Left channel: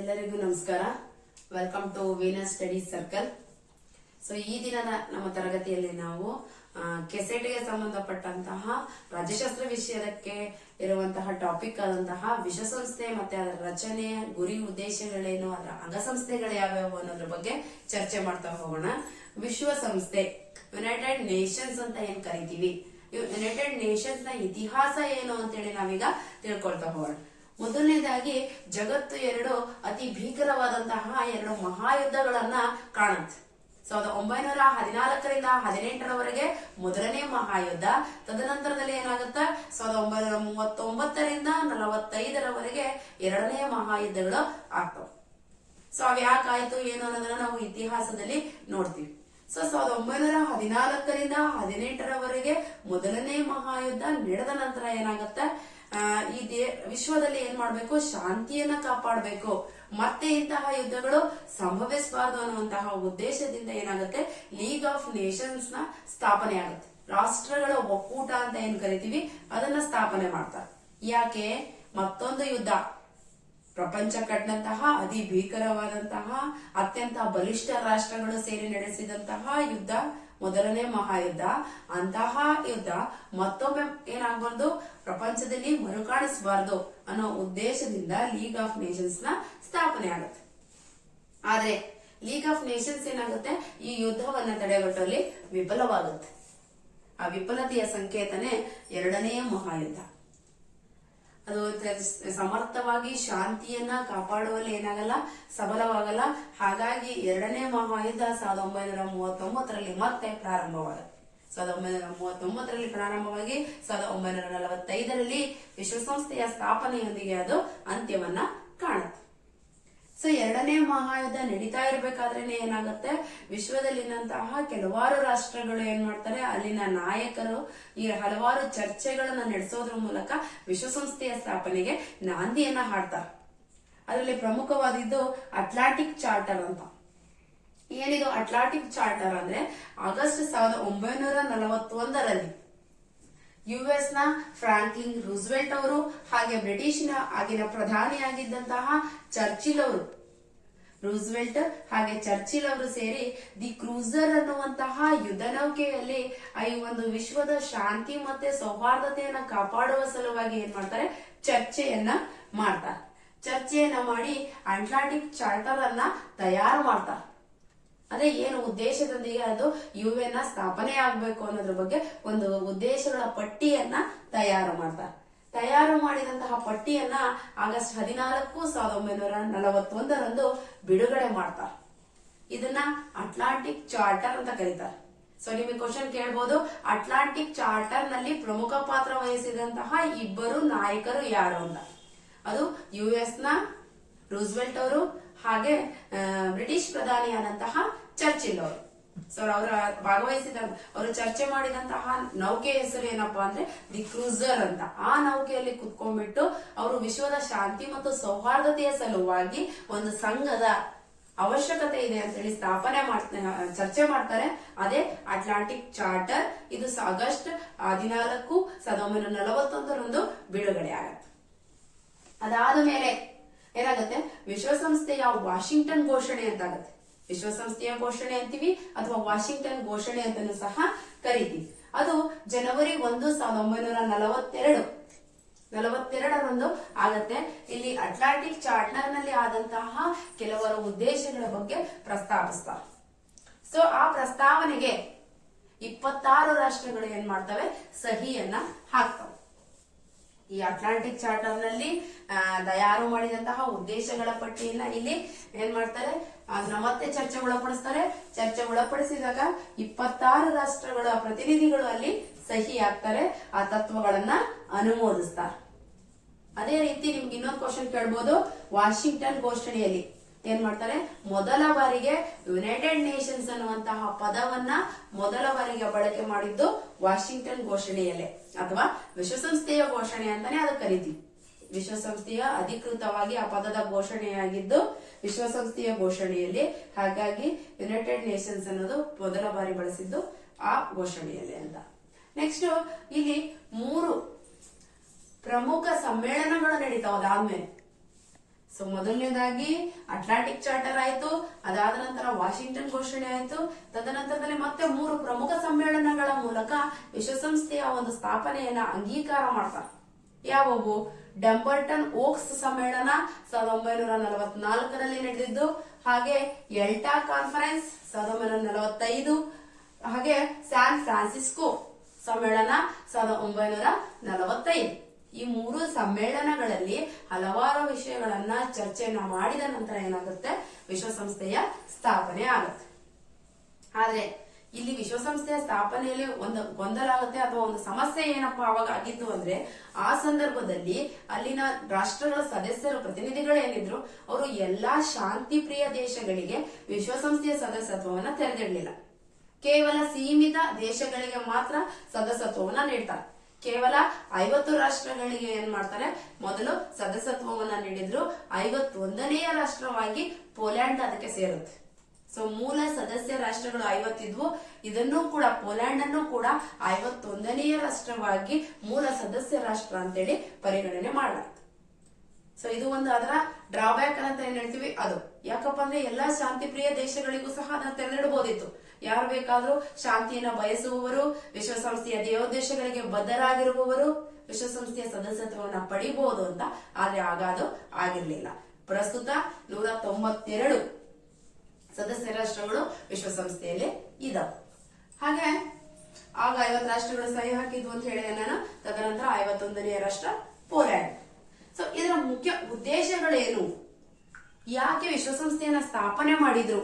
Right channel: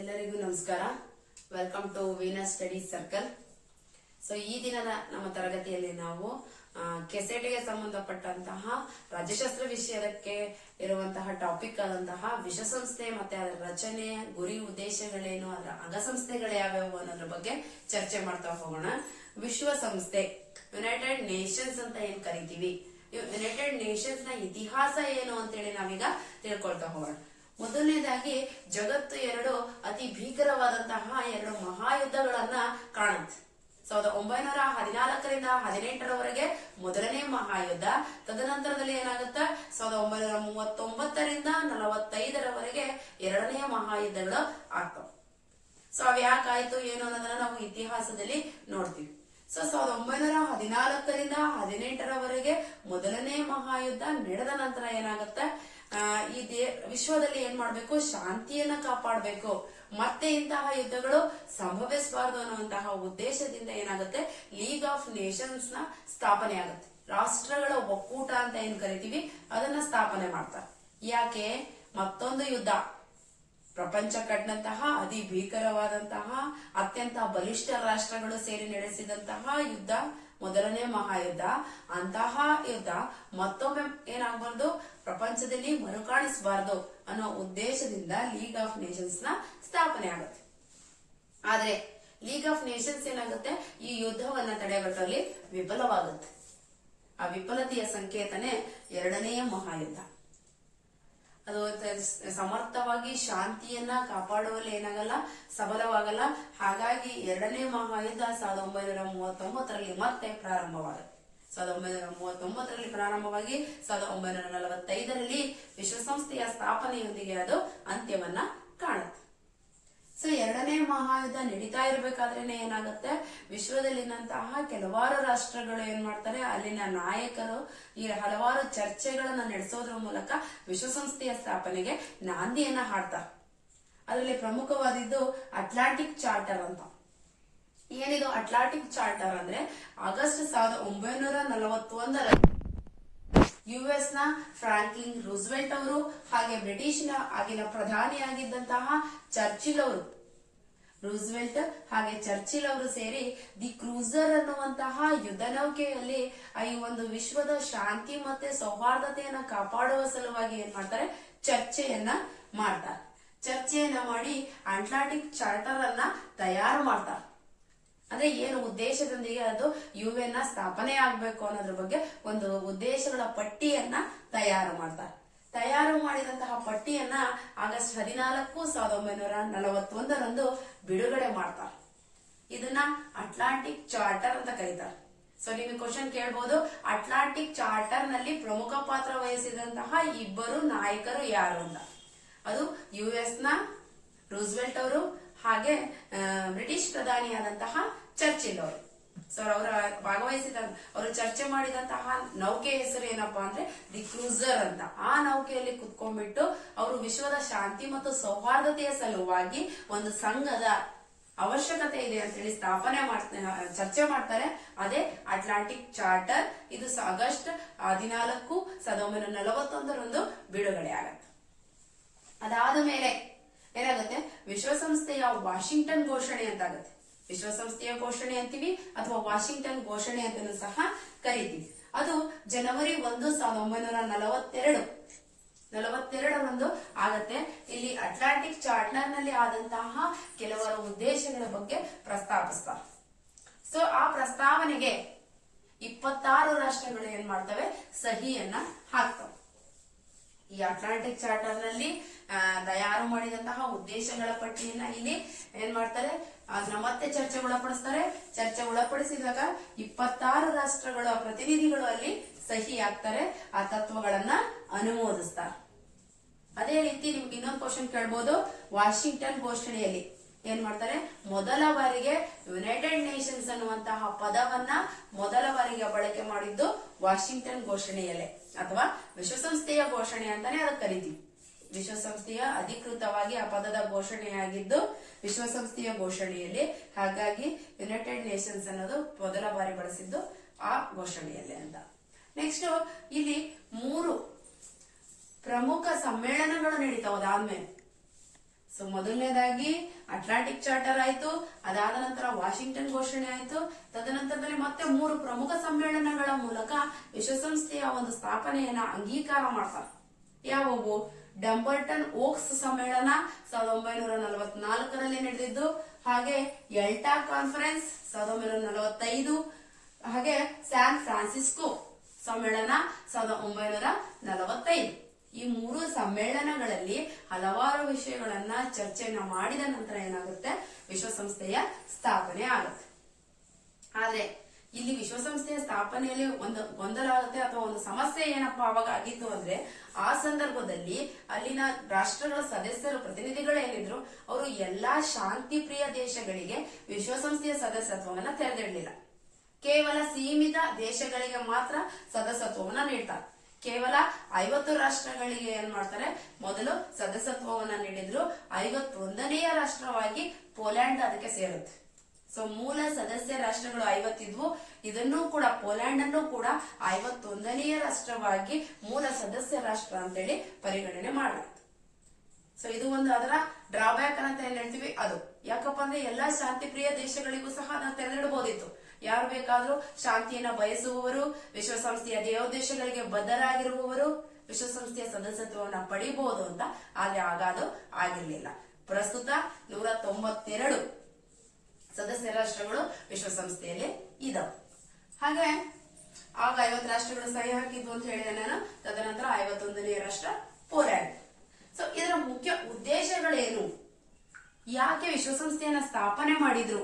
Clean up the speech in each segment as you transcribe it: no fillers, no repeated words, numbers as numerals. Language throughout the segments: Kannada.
ಎಲ್ಲರಿಗೂ ನಮಸ್ಕಾರ. Welcome to Venus studies circle. So ಈ ದಿನದ ನಮ್ಮ ತರಗತಿಯಲ್ಲಿ ನಾವು ಕೆಸೆಟ್ಗೆ ಸಂಬಂಧಪಟ್ಟಂತಹ ರಾಜ್ಯಶಾಸ್ತ್ರ ವಿಷಯಕ್ಕೆ ಇರುವಂತಹ ಟಾಪಿಕ್ ಆದಂತಹ ವಿಶ್ವಸಂಸ್ಥೆ ಮತ್ತೆ ಅದರ ರಚನೆ, ಗುರಿ, ಉದ್ದೇಶಗಳೇನು, ಅದರ ಅಂಗಸಂಸ್ಥೆಗಳು ಯಾವ್ಯಾವು ಅನ್ನೋದ್ರ ಬಗ್ಗೆ ಚರ್ಚೆ ಮಾಡ್ತಾ ಹೋಗೋಣ. ವಿಶ್ವಸಂಸ್ಥೆ, ಯುನೈಟೆಡ್ ನೇಷನ್ಸ್ ಅಂತ ಏನ್ ಕರಿತೀವಿ, ಯುನೈಟೆಡ್ ನೇಷನ್ಸ್ ನ ಇತಿಹಾಸ ಏನು ಅಂತೇಳಿ ನಾವೀಗ ತಿಳ್ಕೊಳ್ತಾ ಹೋಗೋಣ. ಮೊದಲನೇದಾಗಿ ಜಗತ್ತು ಎರಡು ಅತಿ ಭೀಕರವಾದಂತಹ ಎರಡು ಮಹಾಯುದ್ಧಗಳನ್ನ ಕಾಣುತ್ತೆ. 1914ರಿಂದ 18ರವರೆಗೆ ಮೊದಲನೇ ಮಹಾಯುದ್ಧ. ತದನಂತರದಲ್ಲಿ ಏನಾಗುತ್ತೆ, 1939ರಿಂದ 45ರವರೆಗೆ ಎರಡನೇ ಮಹಾಯುದ್ಧಗಳು ಆಗ್ತವೆ. ಸೊ ಅವ್ಯಾಕಾಯ್ತು ಏನು ಅನ್ನೋದನ್ನ ನಾವು ಇತಿಹಾಸದಲ್ಲಿ ನೋಡ್ತೀವಿ. ಸೊ 1914ರಿಂದ 18ರವರೆಗೆ ಮೊದಲನೇ ಮಹಾಯುದ್ಧ ನಡೆದ ನಂತರ ಏನಾಗುತ್ತೆ, ಈ ವಿಶ್ವದಲ್ಲಿ ಏನ್ ಮಾಡ್ಬೇಕು, ಶಾಂತಿಯನ್ನ ಕಾಪಾಡಬೇಕು, ಮತ್ತೆ ಇಂತಹ ಯುದ್ಧಗಳು ಸಂಭವಿಸಬಾರದು ಅನ್ನುವಂತಹ ಉದ್ದೇಶದಿಂದ ಏನಾಗುತ್ತೆ, ಲೀಗ್ ಆಫ್ ನೇಷನ್ಸ್ ನ ಸ್ಥಾಪನೆ ಆಗುತ್ತೆ. ರಾಷ್ಟ್ರಗಳ ಒಕ್ಕೂಟ ಅಂತ ಏನ್ ಕರಿತೀವಿ ಅದನ್ನ ಸ್ಥಾಪನೆ ಮಾಡ್ತಾರೆ. ಯಾಕೆ, ಮತ್ತೊಂದು ಯುದ್ಧ, ಪ್ರಪಂಚ ಕಂಡಂತಹ ಅತಿ ಭೀಕರವಾದಂತಹ ಅತ್ಯಂತ ಬಲಿಷ್ಠ ರಾಷ್ಟ್ರಗಳು ಸೇರಿ ನಡೆಸಿದಂತಹ ಯುದ್ಧ ಮೊದಲನೇ ಮಹಾಯುದ್ಧ. ಅಂತಹ ಯುದ್ಧ ಮತ್ತೊಮ್ಮೆ ಏನಾಗಬಾರ್ದು, ಪ್ರಪಂಚದಲ್ಲಿ ಮರುಕಾಣಿಸಬಾರದು ಅನ್ನೋ ಉದ್ದೇಶದಿಂದ ಲೀಗ್ ಆಫ್ ನೇಷನ್ಸ್ ನ ಸ್ಥಾಪನೆ ಆಗುತ್ತೆ. ಆದ್ರೆ ಲೀಗ್ ಆಫ್ ನೇಷನ್ಸ್ ಏನಾಗುತ್ತೆ, ಈ ಯುದ್ಧವನ್ನ ತಡೆಗಟ್ಟುವಲ್ಲಿ ವಿಫಲವಾಗುತ್ತೆ. ಆ ವಿಫಲತೆಯ ಸಂಕೇತನೇ ಎರಡನೇ ಮಹಾಯುದ್ಧ. ಅದು ಸಮರ್ಥವಾಗಿ ಶಾಂತಿಯನ್ನ ಕಾಪಾಡುವಲ್ಲಿ ಏನಾಗಲ್ಲ, ಸಫಲವಾಗಲ್ಲ. ಹಾಗಾಗಿ ಎರಡನೇ ಮಹಾಯುದ್ಧ 1939ರಲ್ಲಿ ಮತ್ತೆ ಪ್ರಾರಂಭವಾಗುತ್ತೆ. 1939ರಲ್ಲಿ ಪ್ರಾರಂಭವಾಗಿ 1945ರಲ್ಲಿ ವಿಶ್ವಸಂಸ್ಥೆಯ ಸ್ಥಾಪನೆಯೊಂದಿಗೆ ಅದು ಅಂತ್ಯವನ್ನ ಕಾಣುತ್ತೆ. ಸೊ ಎರಡನೇ ಮಹಾಯುದ್ಧ ನಡೀತಾ ಇರಬೇಕಾದ್ರೇನೆ ಏನಾಗುತ್ತೆ, ವಿಶ್ವದಲ್ಲಿನಂತಹ ಕೆಲವಾರು ರಾಷ್ಟ್ರಗಳು ಏನ್ ಮಾಡ್ತಾರೆ, ಅಲ್ಲಿನ ನಾಯಕರು ಈ ಹಲವಾರು ಚರ್ಚೆಗಳನ್ನ ನಡೆಸೋದ್ರ ಮೂಲಕ ವಿಶ್ವಸಂಸ್ಥೆಯ ಸ್ಥಾಪನೆಗೆ ನಾಂದಿಯನ್ನ ಹಾಡ್ತಾರೆ. ಅದರಲ್ಲಿ ಪ್ರಮುಖವಾದಿದ್ದು ಅಟ್ಲಾಂಟಿಕ್ ಚಾರ್ಟರ್ ಅಂತ. ಏನಿದು ಅಟ್ಲಾಂಟಿಕ್ ಚಾರ್ಟರ್ ಅಂದ್ರೆ, ಆಗಸ್ಟ್ 1941ರಲ್ಲಿ ಯುಎಸ್ ನ ಫ್ರಾಂಕ್ಲಿನ್ ರೂಸ್ವೆಲ್ಟ್ ಅವರು ಹಾಗೆ ಬ್ರಿಟಿಷ್ ನ ಆಗಿನ ಪ್ರಧಾನಿಯಾಗಿದ್ದಂತಹ ಚರ್ಚಿಲ್ ಅವರು, ರೂಸ್ವೆಲ್ಟ್ ಹಾಗೆ ಚರ್ಚಿಲ್ ಅವರು ಸೇರಿ ದಿ ಕ್ರೂಸರ್ ಅನ್ನುವಂತಹ ಯುದ್ಧ ನೌಕೆಯಲ್ಲಿ ಈ ಒಂದು ವಿಶ್ವದ ಶಾಂತಿ ಮತ್ತೆ ಸೌಹಾರ್ದತೆಯನ್ನ ಕಾಪಾಡುವ ಸಲುವಾಗಿ ಏನ್ ಮಾಡ್ತಾರೆ, ಚರ್ಚೆಯನ್ನ ಮಾಡ್ತಾರೆ. ಚರ್ಚೆಯನ್ನ ಮಾಡಿ ಅಟ್ಲಾಂಟಿಕ್ ಚಾರ್ಟರ್ ಅನ್ನ ತಯಾರು ಮಾಡ್ತಾರೆ. ಅದೇ ಏನು ಉದ್ದೇಶದೊಂದಿಗೆ ಅದು ಯುಎನ್ ನ ಸ್ಥಾಪನೆ ಆಗ್ಬೇಕು ಅನ್ನೋದ್ರ ಬಗ್ಗೆ ಒಂದು ಉದ್ದೇಶಗಳ ಪಟ್ಟಿಯನ್ನ ತಯಾರು ಮಾಡ್ತಾರೆ. ತಯಾರು ಮಾಡಿದಂತಹ ಪಟ್ಟಿಯನ್ನ ಆಗಸ್ಟ್ 14, 1941ರಂದು ಬಿಡುಗಡೆ ಮಾಡ್ತಾರೆ. ಇದನ್ನ ಅಟ್ಲಾಂಟಿಕ್ ಚಾರ್ಟರ್ ಅಂತ ಕರೀತಾರೆ. ಸೊ ನಿಮಗೆ ಕ್ವಶನ್ ಕೇಳಬಹುದು, ಅಟ್ಲಾಂಟಿಕ್ ಚಾರ್ಟರ್ ನಲ್ಲಿ ಪ್ರಮುಖ ಪಾತ್ರ ವಹಿಸಿದಂತಹ ಇಬ್ಬರು ನಾಯಕರು ಯಾರು ಅಂತ. ಅದು ಯುಎಸ್ ನ ರೂಸ್ವೆಲ್ಟ್ ಅವರು ಹಾಗೆ ಬ್ರಿಟಿಷ್ ಪ್ರಧಾನಿಯಾದಂತಹ ಚರ್ಚಿಲ್ ಅವರು. ಸೊ ಅವರ ಅವರು ಚರ್ಚೆ ಮಾಡಿದಂತಹ ನೌಕೆ ಹೆಸರು ಏನಪ್ಪಾ ಅಂದ್ರೆ ದಿ ಕ್ರೂಸರ್ ಅಂತ. ಆ ನೌಕೆಯಲ್ಲಿ ಕುತ್ಕೊಂಡ್ಬಿಟ್ಟು ಅವರು ವಿಶ್ವದ ಶಾಂತಿ ಮತ್ತು ಸೌಹಾರ್ದತೆಯ ಸಲುವಾಗಿ ಒಂದು ಸಂಘದ ಅವಶ್ಯಕತೆ ಇದೆ ಅಂತ ಹೇಳಿ ಚರ್ಚೆ ಮಾಡ್ತಾರೆ. ಅದೇ ಅಟ್ಲಾಂಟಿಕ್ ಚಾರ್ಟರ್. ಇದು ಆಗಸ್ಟ್ 14, 1941ರಂದು ಬಿಡುಗಡೆ ಆಗತ್ತೆ. ಅದಾದ ಮೇಲೆ ಏನಾಗುತ್ತೆ, ವಿಶ್ವಸಂಸ್ಥೆಯ ವಾಷಿಂಗ್ಟನ್ ಘೋಷಣೆ ಅಂತ ಆಗುತ್ತೆ. ವಿಶ್ವಸಂಸ್ಥೆಯ ಘೋಷಣೆ ಅಂತೀವಿ ಅಥವಾ ವಾಷಿಂಗ್ಟನ್ ಘೋಷಣೆ ಅಂತಲೂ ಸಹ ಕರಿತೀವಿ. ಅದು ಜನವರಿ 1, 1942ರಂದು ಆಗತ್ತೆ. ಇಲ್ಲಿ ಅಟ್ಲಾಂಟಿಕ್ ಚಾರ್ಟರ್ ನಲ್ಲಿ ಆದಂತಹ ಕೆಲವರು ಉದ್ದೇಶಗಳ ಬಗ್ಗೆ ಪ್ರಸ್ತಾಪಿಸ್ತಾರೆ. ಸೊ ಆ ಪ್ರಸ್ತಾವನೆಗೆ 26 ರಾಷ್ಟ್ರಗಳು ಏನ್ ಮಾಡ್ತವೆ, ಸಹಿಯನ್ನ ಹಾಕ್ತವೆ. ಈ ಅಟ್ಲಾಂಟಿಕ್ ಚಾರ್ಟರ್ ನಲ್ಲಿ ತಯಾರು ಮಾಡಿದಂತಹ ಉದ್ದೇಶಗಳ ಪಟ್ಟಿಯನ್ನ ಇಲ್ಲಿ ಏನ್ ಮಾಡ್ತಾರೆ, ಅದನ್ನ ಮತ್ತೆ ಚರ್ಚೆಗೊಳಪಡಿಸ್ತಾರೆ. ಚರ್ಚೆಗೊಳಪಡಿಸಿದಾಗ 26 ರಾಷ್ಟ್ರಗಳ ಪ್ರತಿನಿಧಿಗಳು ಅಲ್ಲಿ ಸಹಿ ಹಾಕ್ತಾರೆ, ಆ ತತ್ವಗಳನ್ನ ಅನುಮೋದಿಸ್ತಾರೆ. ಅದೇ ರೀತಿ ನಿಮ್ಗೆ ಇನ್ನೊಂದು ಕ್ವಶನ್ ಕೇಳಬಹುದು, ವಾಷಿಂಗ್ಟನ್ ಘೋಷಣೆಯಲ್ಲಿ ಏನ್ ಮಾಡ್ತಾರೆ, ಮೊದಲ ಬಾರಿಗೆ ಯುನೈಟೆಡ್ ನೇಷನ್ಸ್ ಅನ್ನುವಂತಹ ಪದವನ್ನ ಮೊದಲ ಬಾರಿಗೆ ಬಳಕೆ ಮಾಡಿದ್ದು ವಾಷಿಂಗ್ಟನ್ ಘೋಷಣೆಯಲ್ಲೇ, ಅಥವಾ ವಿಶ್ವಸಂಸ್ಥೆಯ ಘೋಷಣೆ ಅಂತಾನೆ ಅದಕ್ಕೆ ಕರಿತೀವಿ. ವಿಶ್ವಸಂಸ್ಥೆಯ ಅಧಿಕೃತವಾಗಿ ಆ ಪದದ ಘೋಷಣೆಯಾಗಿದ್ದು ವಿಶ್ವಸಂಸ್ಥೆಯ ಘೋಷಣೆಯಲ್ಲಿ. ಹಾಗಾಗಿ ಯುನೈಟೆಡ್ ನೇಷನ್ಸ್ ಅನ್ನೋದು ಮೊದಲ ಬಾರಿ ಬಳಸಿದ್ದು ಆ ಘೋಷಣೆಯಲ್ಲಿ ಅಂತ. ನೆಕ್ಸ್ಟ್ ಇಲ್ಲಿ 3 ಪ್ರಮುಖ ಸಮ್ಮೇಳನಗಳು ನಡೀತಾವ. ಅದಾದ್ಮೇಲೆ ಸೊ ಮೊದಲನೇದಾಗಿ ಅಟ್ಲಾಂಟಿಕ್ ಚಾರ್ಟರ್ ಆಯ್ತು, ಅದಾದ ನಂತರ ವಾಷಿಂಗ್ಟನ್ ಘೋಷಣೆ ಆಯ್ತು. ತದನಂತರದಲ್ಲಿ ಮತ್ತೆ 3 ಪ್ರಮುಖ ಸಮ್ಮೇಳನಗಳ ಮೂಲಕ ವಿಶ್ವಸಂಸ್ಥೆಯ ಒಂದು ಸ್ಥಾಪನೆಯನ್ನ ಅಂಗೀಕಾರ ಮಾಡ್ತಾರೆ. ಯಾವುವು? ಡಂಬಲ್ಟನ್ ಓಕ್ಸ್ ಸಮ್ಮೇಳನ 1944ರಲ್ಲಿ ನಡೆದಿದ್ದು, ಹಾಗೆ ಎಲ್ಟಾ ಕಾನ್ಫರೆನ್ಸ್ 1945, ಹಾಗೆ ಸ್ಯಾನ್ ಫ್ರಾನ್ಸಿಸ್ಕೋ ಸಮ್ಮೇಳನ 1945. ಈ 3 ಸಮ್ಮೇಳನಗಳಲ್ಲಿ ಹಲವಾರು ವಿಷಯಗಳನ್ನ ಚರ್ಚೆಯನ್ನ ಮಾಡಿದ ನಂತರ ಏನಾಗುತ್ತೆ, ವಿಶ್ವಸಂಸ್ಥೆಯ ಸ್ಥಾಪನೆ ಆಗುತ್ತೆ. ಆದ್ರೆ ಇಲ್ಲಿ ವಿಶ್ವಸಂಸ್ಥೆಯ ಸ್ಥಾಪನೆಯಲ್ಲಿ ಒಂದು ಗೊಂದಲ ಆಗುತ್ತೆ ಅಥವಾ ಒಂದು ಸಮಸ್ಯೆ ಏನಪ್ಪಾ ಅವಾಗ ಆಗಿತ್ತು ಅಂದ್ರೆ, ಆ ಸಂದರ್ಭದಲ್ಲಿ ಅಲ್ಲಿನ ರಾಷ್ಟ್ರಗಳ ಸದಸ್ಯರು ಪ್ರತಿನಿಧಿಗಳೇನಿದ್ರು ಅವರು ಎಲ್ಲಾ ಶಾಂತಿ ಪ್ರಿಯ ದೇಶಗಳಿಗೆ ವಿಶ್ವಸಂಸ್ಥೆಯ ಸದಸ್ಯತ್ವವನ್ನ ತೆರೆದಿಡಲಿಲ್ಲ. ಕೇವಲ ಸೀಮಿತ ದೇಶಗಳಿಗೆ ಮಾತ್ರ ಸದಸ್ಯತ್ವವನ್ನ ನೀಡ್ತಾರೆ. ಕೇವಲ 50 ರಾಷ್ಟ್ರಗಳಿಗೆ ಏನ್ ಮಾಡ್ತಾರೆ, ಮೊದಲು ಸದಸ್ಯತ್ವವನ್ನ ನೀಡಿದ್ರು. 51ನೆಯ ರಾಷ್ಟ್ರವಾಗಿ ಪೋಲ್ಯಾಂಡ್ ಅದಕ್ಕೆ ಸೇರುತ್ತೆ. ಸೊ ಮೂಲ ಸದಸ್ಯ ರಾಷ್ಟ್ರಗಳು 50 ಇದ್ವು. ಇದನ್ನು ಕೂಡ ಪೋಲ್ಯಾಂಡ್ ಅನ್ನು ಕೂಡ 51ನೆಯ ರಾಷ್ಟ್ರವಾಗಿ ಮೂಲ ಸದಸ್ಯ ರಾಷ್ಟ್ರ ಅಂತೇಳಿ ಪರಿಗಣನೆ ಮಾಡಲಾಯಿತು. ಸೊ ಇದು ಒಂದು ಅದರ ಡ್ರಾಬ್ಯಾಕ್ ಅಂತ ಏನ್ ಹೇಳ್ತೀವಿ ಅದು. ಯಾಕಪ್ಪ ಅಂದ್ರೆ ಎಲ್ಲಾ ಶಾಂತಿ ಪ್ರಿಯ ದೇಶಗಳಿಗೂ ಸಹ ಅದನ್ನ ತೆರೆದಿಡಬಹುದಿತ್ತು. ಯಾರು ಬೇಕಾದ್ರೂ ಶಾಂತಿಯನ್ನ ಬಯಸುವವರು, ವಿಶ್ವಸಂಸ್ಥೆಯ ದೇಶಗಳಿಗೆ ಬದ್ಧರಾಗಿರುವವರು ವಿಶ್ವಸಂಸ್ಥೆಯ ಸದಸ್ಯತ್ವವನ್ನ ಪಡಿಬಹುದು ಅಂತ. ಆದ್ರೆ ಆಗ ಅದು ಆಗಿರ್ಲಿಲ್ಲ. ಪ್ರಸ್ತುತ 192 ಸದಸ್ಯ ರಾಷ್ಟ್ರಗಳು ವಿಶ್ವಸಂಸ್ಥೆಯಲ್ಲಿ ಇದಾವೆ. ಹಾಗೆ ಆಗ 50 ರಾಷ್ಟ್ರಗಳು ಸಹಿ ಹಾಕಿದ್ವು ಅಂತ ಹೇಳಿದೆ ನಾನು. ತದನಂತರ 51ನೇ ರಾಷ್ಟ್ರ ಪೋಲ್ಯಾಂಡ್. ಸೊ ಇದರ ಮುಖ್ಯ ಉದ್ದೇಶಗಳೇನು, ಯಾಕೆ ವಿಶ್ವಸಂಸ್ಥೆಯನ್ನ ಸ್ಥಾಪನೆ ಮಾಡಿದ್ರು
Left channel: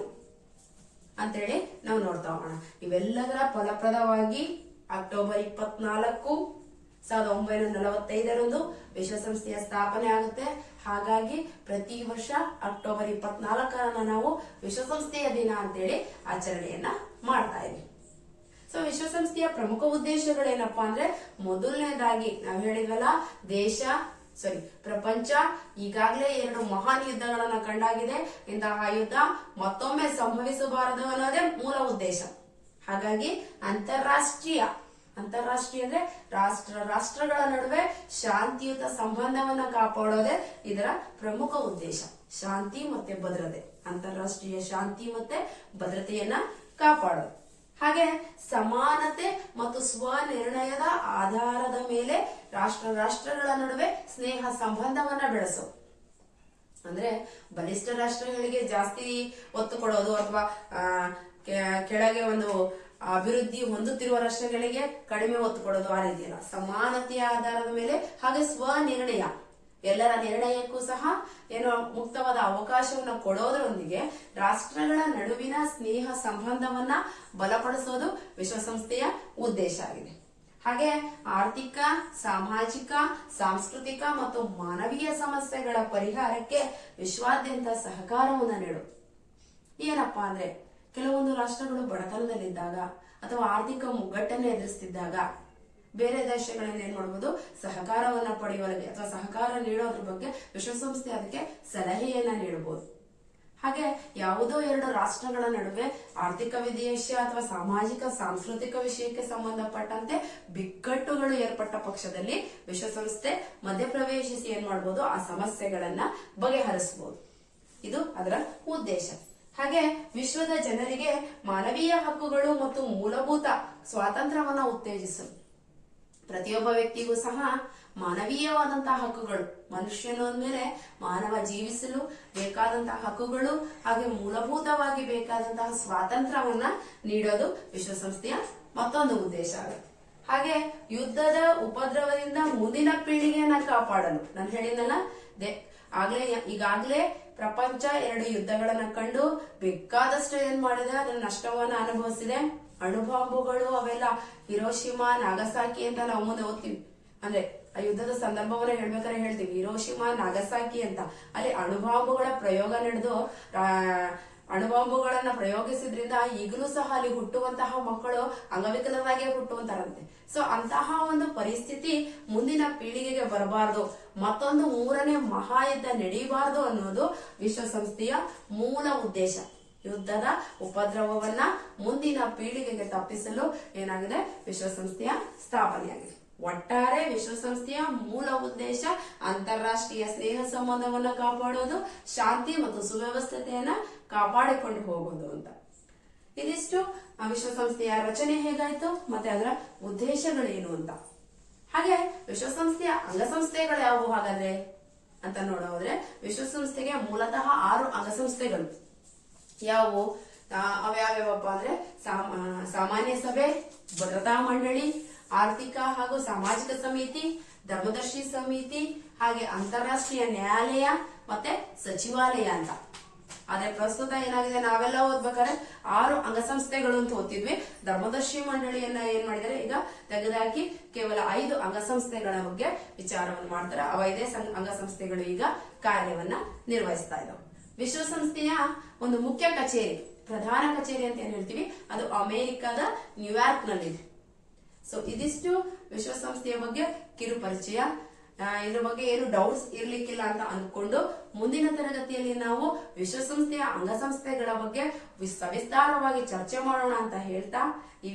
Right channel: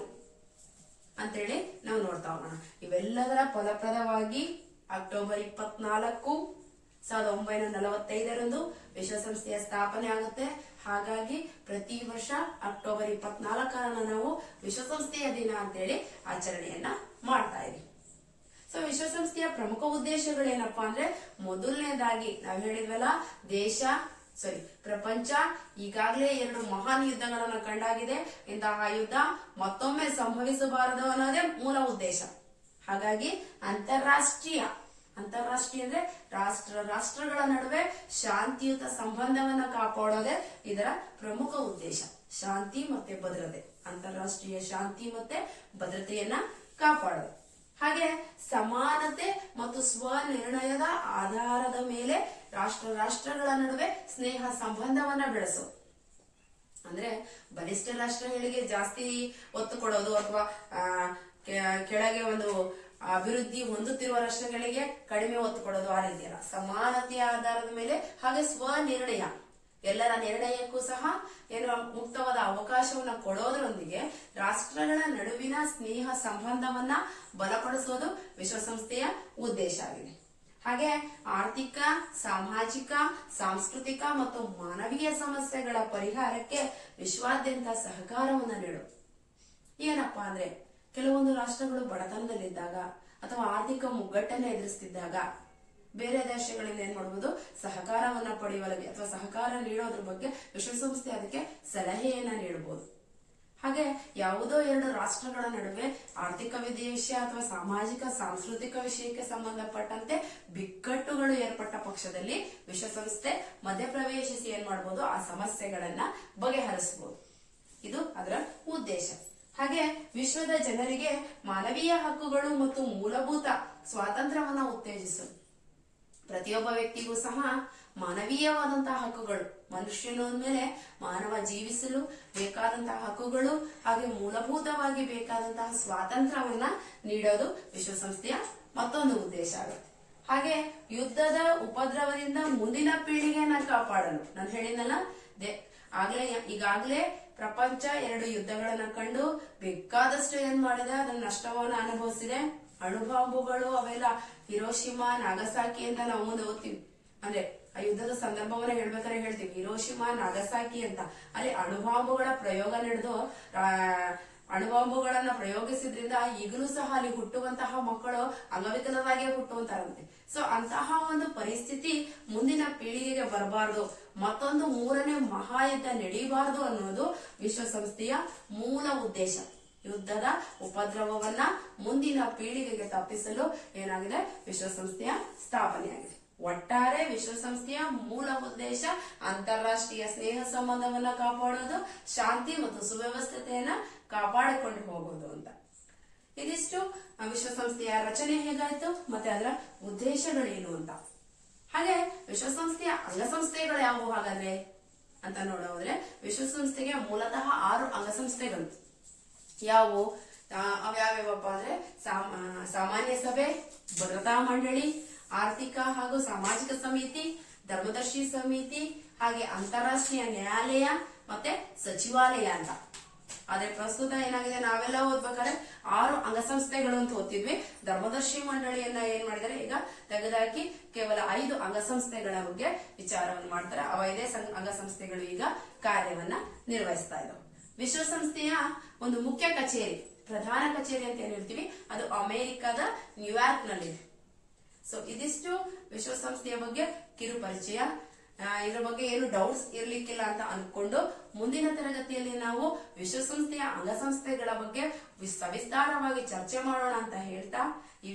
ಅಂತೇಳಿ ನಾವು ನೋಡ್ತಾ ಹೋಗೋಣ. ಇವೆಲ್ಲದರ ಫಲಪ್ರದವಾಗಿ ಅಕ್ಟೋಬರ್ 24, 1945 ವಿಶ್ವಸಂಸ್ಥೆಯ ಸ್ಥಾಪನೆ ಆಗುತ್ತೆ. ಹಾಗಾಗಿ ಪ್ರತಿ ವರ್ಷ ಅಕ್ಟೋಬರ್ 24 ನಾವು ವಿಶ್ವಸಂಸ್ಥೆಯ ದಿನ ಅಂತೇಳಿ ಆಚರಣೆಯನ್ನ ಮಾಡ್ತಾ ಇದೀವಿ. ಸೊ ವಿಶ್ವಸಂಸ್ಥೆಯ ಪ್ರಮುಖ ಉದ್ದೇಶಗಳೇನಪ್ಪಾ ಅಂದ್ರೆ, ಮೊದಲನೇದಾಗಿ ನಾವು ಹೇಳಿದ್ವಲ್ಲ, ಪ್ರಪಂಚ ಈಗಾಗಲೇ 2 ಮಹಾನ್ ಯುದ್ಧಗಳನ್ನ ಕಂಡಾಗಿದೆ. ಇಂತಹ ಯುದ್ಧ ಮತ್ತೊಮ್ಮೆ ಸಂಭವಿಸಬಾರದು ಅನ್ನೋದೇ ಮೂಲ ಉದ್ದೇಶ. ಹಾಗಾಗಿ ಅಂತಾರಾಷ್ಟ್ರೀಯ ಅಂದ್ರೆ ರಾಷ್ಟ್ರಗಳ ನಡುವೆ ಶಾಂತಿಯುತ ಸಂಬಂಧವನ್ನ ಕಾಪಾಡೋದೇ ಇದರ ಪ್ರಮುಖ ಉದ್ದೇಶ. ಶಾಂತಿ ಮತ್ತೆ ಭದ್ರತೆ, ಅಂತಾರಾಷ್ಟ್ರೀಯ ಶಾಂತಿ ಮತ್ತೆ ಭದ್ರತೆಯನ್ನ ಕಾಪಾಡೋದು. ಹಾಗೆ ಸಮಾನತೆ ಮತ್ತು ಸ್ವನಿರ್ಣಯದ ಆಧಾರದ ಮೇಲೆ ರಾಷ್ಟ್ರಗಳ ನಡುವೆ ಸ್ನೇಹ ಸಂಬಂಧವನ್ನ ಬೆಳೆಸೋದು. ಅಂದ್ರೆ ಬಲಿಷ್ಠ ರಾಷ್ಟ್ರಗಳಿಗೆ ಜಾಸ್ತಿ ಒತ್ತು ಕೊಡೋದು ಅಥವಾ ಕೆಳಗೆ ಒಂದು ಅಭಿವೃದ್ಧಿ ಹೊಂದುತ್ತಿರುವ ರಾಷ್ಟ್ರಗಳಿಗೆ ಕಡಿಮೆ ಒತ್ತು ಕೊಡೋದು, ಆ ರೀತಿ ಅಲ್ಲ. ಸಮಾನತೆಯ ಆಧಾರದ ಮೇಲೆ, ಹಾಗೆ ಸ್ವನಿರ್ಣಯ, ಎಲ್ಲರ ನಿರ್ಣಯಕ್ಕೂ ಸಹ ಮುಕ್ತವಾದ ಅವಕಾಶವನ್ನ ಕೊಡೋದ್ರೊಂದಿಗೆ ರಾಷ್ಟ್ರಗಳ ನಡುವಿನ ಸ್ನೇಹ ಸಂಬಂಧವನ್ನ ಬಲಪಡಿಸೋದು ವಿಶ್ವಸಂಸ್ಥೆಯ ಉದ್ದೇಶ ಆಗಿದೆ. ಹಾಗೆ ಆರ್ಥಿಕ, ಸಾಮಾಜಿಕ, ಸಾಂಸ್ಕೃತಿಕ ಮತ್ತು ಮಾನವೀಯ ಸಮಸ್ಯೆಗಳ ಪರಿಹಾರಕ್ಕೆ ವಿಶ್ವಾದ್ಯಂತ ಸಹಕಾರವನ್ನ ನೀಡು. ಏನಪ್ಪಾ ಅಂದ್ರೆ, ಕೆಲವೊಂದು ರಾಷ್ಟ್ರಗಳು ಬಡತನದಲ್ಲಿದ್ದಾಗ ಅಥವಾ ಆರ್ಥಿಕ ಮುಗ್ಗಟ್ಟನ್ನ ಎದುರಿಸ್ತಿದ್ದಾಗ ಬೇರೆ ದೇಶಗಳಿಂದ ಏನ್ ಮಾಡಬಹುದು, ಸಹಕಾರವನ್ನ ಪಡೆಯುವಲ್ಲಿ ಅಥವಾ ಸಹಕಾರ ನೀಡೋದ್ರ ಬಗ್ಗೆ ವಿಶ್ವಸಂಸ್ಥೆ ಅದಕ್ಕೆ ಸಲಹೆಯನ್ನ ನೀಡಬಹುದು. ಹಾಗೆ ಯಾವುದೋ 2 ರಾಷ್ಟ್ರಗಳ ನಡುವೆ ಆರ್ಥಿಕ ವಿಷಯ ಅಥವಾ ಸಾಮಾಜಿಕ ಸಾಂಸ್ಕೃತಿಕ ವಿಷಯಕ್ಕೆ ಸಂಬಂಧಪಟ್ಟಂತೆ ಬಿಕ್ಕಟ್ಟುಗಳು ಏರ್ಪಟ್ಟ ಪಕ್ಷದಲ್ಲಿ ವಿಶ್ವಸಂಸ್ಥೆ ಮಧ್ಯಪ್ರವೇಶಿಸಿ ಏನ್ ಮಾಡಬಹುದು, ಆ ಸಮಸ್ಯೆಗಳನ್ನ ಬಗೆಹರಿಸಬಹುದು. ಇದು ಅದರ ಉದ್ದೇಶ. ಹಾಗೆ ವಿಶ್ವದ ಜನರಿಗೆ ಮಾನವೀಯ ಹಕ್ಕುಗಳು ಮತ್ತು ಮೂಲಭೂತ ಸ್ವಾತಂತ್ರ್ಯವನ್ನ ಉತ್ತೇಜಿಸಲು. ಪ್ರತಿಯೊಬ್ಬ ವ್ಯಕ್ತಿಗೂ ಸಹ ಮಾನವೀಯವಾದಂತಹ ಹಕ್ಕುಗಳು, ಮನುಷ್ಯನ ಮೇಲೆ ಮಾನವ ಜೀವಿಸಲು ಬೇಕಾದಂತಹ ಹಕ್ಕುಗಳು ಹಾಗೆ ಮೂಲಭೂತವಾಗಿ ಬೇಕಾದಂತಹ ಸ್ವಾತಂತ್ರ್ಯವನ್ನ ನೀಡೋದು ವಿಶ್ವಸಂಸ್ಥೆಯ ಮತ್ತೊಂದು ಉದ್ದೇಶ ಆಗುತ್ತೆ. ಹಾಗೆ ಯುದ್ಧದ ಉಪದ್ರವದಿಂದ ಮುಂದಿನ ಪೀಳಿಗೆಯನ್ನ ಕಾಪಾಡಲು, ನಾನು ಹೇಳಿದ್ನಲ್ಲ, ಈಗಾಗಲೇ ಪ್ರಪಂಚ 2 ಯುದ್ಧಗಳನ್ನ ಕಂಡು ಬೇಕಾದಷ್ಟು ಏನ್ ಮಾಡಿದೆ, ಅದರ ನಷ್ಟವನ್ನ ಅನುಭವಿಸಿದೆ. ಅಣುಬಾಂಬುಗಳು ಅವೆಲ್ಲ ಹಿರೋಶಿಮಾ, ನಾಗಸಾಕಿ ಅಂತ ನಾವು ಮುಂದೆ ಓದ್ತೀವಿ. ಅಂದ್ರೆ ಆ ಯುದ್ಧದ ಸಂದರ್ಭವನ್ನ ಹೇಳ್ಬೇಕಾದ್ರೆ ಹೇಳ್ತೀವಿ ಹಿರೋಶಿಮಾ, ನಾಗಸಾಕಿ ಅಂತ. ಅಲ್ಲಿ ಅಣುಬಾಂಬುಗಳ ಪ್ರಯೋಗ ನಡೆದು ಅಣುಬಾಂಬುಗಳನ್ನ ಪ್ರಯೋಗಿಸಿದ್ರಿಂದ ಈಗಲೂ ಸಹ ಅಲ್ಲಿ ಹುಟ್ಟುವಂತಹ ಮಕ್ಕಳು ಅಂಗವಿಕಲರಾಗೇ ಹುಟ್ಟುವಂತಾರಂತೆ. ಸೊ ಅಂತಹ ಒಂದು ಪರಿಸ್ಥಿತಿ ಮುಂದಿನ ಪೀಳಿಗೆಗೆ ಬರಬಾರದು, ಮತ್ತೊಂದು 3ನೇ ಮಹಾಯುದ್ಧ ನಡೆಯಬಾರದು ಅನ್ನೋದು ವಿಶ್ವಸಂಸ್ಥೆಯ ಮೂಲ ಉದ್ದೇಶ. ಯುದ್ಧದ ಉಪದ್ರವವನ್ನ ಮುಂದಿನ ಪೀಳಿಗೆಗೆ ತಪ್ಪಿಸಲು ಏನಾಗಿದೆ, ವಿಶ್ವಸಂಸ್ಥೆಯ ಸ್ಥಾಪನೆಯಾಗಿದೆ. ಒಟ್ಟಾರೆ ವಿಶ್ವಸಂಸ್ಥೆಯ ಮೂಲ ಉದ್ದೇಶ ಅಂತಾರಾಷ್ಟ್ರೀಯ ಸ್ನೇಹ ಸಂಬಂಧವನ್ನ ಕಾಪಾಡೋದು, ಶಾಂತಿ ಮತ್ತು ಸುವ್ಯವಸ್ಥತೆಯನ್ನ ಕಾಪಾಡಿಕೊಂಡು ಹೋಗೋದು ಅಂತ. ಇದಿಷ್ಟು ವಿಶ್ವಸಂಸ್ಥೆಯ ರಚನೆ ಹೇಗಾಯ್ತು ಮತ್ತೆ ಅದರ ಉದ್ದೇಶಗಳೇನು ಅಂತ. ಹಾಗೆ ವಿಶ್ವಸಂಸ್ಥೆಯ ಅಂಗಸಂಸ್ಥೆಗಳು ಯಾವುವು ಹಾಗಾದ್ರೆ ಅಂತ ನೋಡೋದ್ರೆ, ವಿಶ್ವಸಂಸ್ಥೆಗೆ ಮೂಲತಃ 6 ಅಂಗಸಂಸ್ಥೆಗಳು ಯಾವುವು ಅವ್ಯಾವ್ಯಾವಪ್ಪ ಅಂದ್ರೆ ಸಾಮಾನ್ಯ ಸಭೆ, ಭದ್ರತಾ ಮಂಡಳಿ, ಆರ್ಥಿಕ ಹಾಗೂ ಸಾಮಾಜಿಕ ಸಮಿತಿ, ಧರ್ಮದರ್ಶಿ ಸಮಿತಿ, ಹಾಗೆ ಅಂತಾರಾಷ್ಟ್ರೀಯ ನ್ಯಾಯಾಲಯ ಮತ್ತೆ ಸಚಿವಾಲಯ ಅಂತ. ಆದ್ರೆ ಪ್ರಸ್ತುತ ಏನಾಗಿದೆ, ನಾವೆಲ್ಲ ಓದ್ಬೇಕಾದ್ರೆ 6 ಅಂಗಸಂಸ್ಥೆಗಳು ಅಂತ ಓದ್ತಿದ್ವಿ. ಧರ್ಮದರ್ಶಿ ಮಂಡಳಿಯನ್ನ ಏನ್ ಮಾಡಿದರೆ ಈಗ ತೆಗೆದುಹಾಕಿ ಕೇವಲ 5 ಅಂಗಸಂಸ್ಥೆಗಳ ಬಗ್ಗೆ ವಿಚಾರವನ್ನು ಮಾಡ್ತಾರೆ. ಅವ 5 ಅಂಗಸಂಸ್ಥೆಗಳು ಈಗ ಕಾರ್ಯವನ್ನ ನಿರ್ವಹಿಸ್ತಾ ಇದ್ದಾವೆ. ವಿಶ್ವಸಂಸ್ಥೆಯ ಒಂದು ಮುಖ್ಯ ಕಚೇರಿ, ಪ್ರಧಾನ ಕಚೇರಿ ಅಂತ ಏನ್ ಹೇಳ್ತೀವಿ, ಅದು ಅಮೆರಿಕದ ನ್ಯೂಯಾರ್ಕ್ ನಲ್ಲಿದೆ. ಸೊ ಇದಿಷ್ಟು ವಿಶ್ವಸಂಸ್ಥೆಯ ಬಗ್ಗೆ ಕಿರು ಪರಿಚಯ. ಇದ್ರ ಬಗ್ಗೆ ಏನು ಡೌಟ್ಸ್ ಇರ್ಲಿಕ್ಕಿಲ್ಲ ಅಂತ ಅನ್ಕೊಂಡು ಮುಂದಿನ ತರಗತಿಯಲ್ಲಿ ನಾವು ವಿಶ್ವಸಂಸ್ಥೆಯ ಅಂಗಸಂಸ್ಥೆಗಳ ಬಗ್ಗೆ ಸವಿಸ್ತಾರವಾಗಿ ಚರ್ಚೆ ಮಾಡೋಣ ಅಂತ ಹೇಳ್ತಾ, ಈ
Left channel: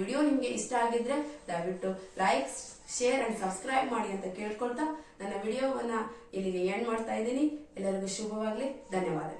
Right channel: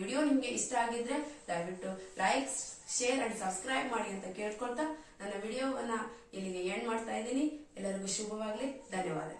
ವಿಡಿಯೋ ನಿಮ್ಗೆ ಇಷ್ಟ ಆಗಿದ್ರೆ ದಯವಿಟ್ಟು ಲೈಕ್, ಶೇರ್ ಅಂಡ್ ಸಬ್ಸ್ಕ್ರೈಬ್ ಮಾಡಿ ಅಂತ ಕೇಳ್ಕೊಳ್ತಾ ನನ್ನ ವಿಡಿಯೋವನ್ನ ಇಲ್ಲಿಗೆ ಎಂಡ್ ಮಾಡ್ತಾ ಇದ್ದೀನಿ. ಎಲ್ಲರಿಗೂ ಶುಭವಾಗ್ಲಿ. ಧನ್ಯವಾದ.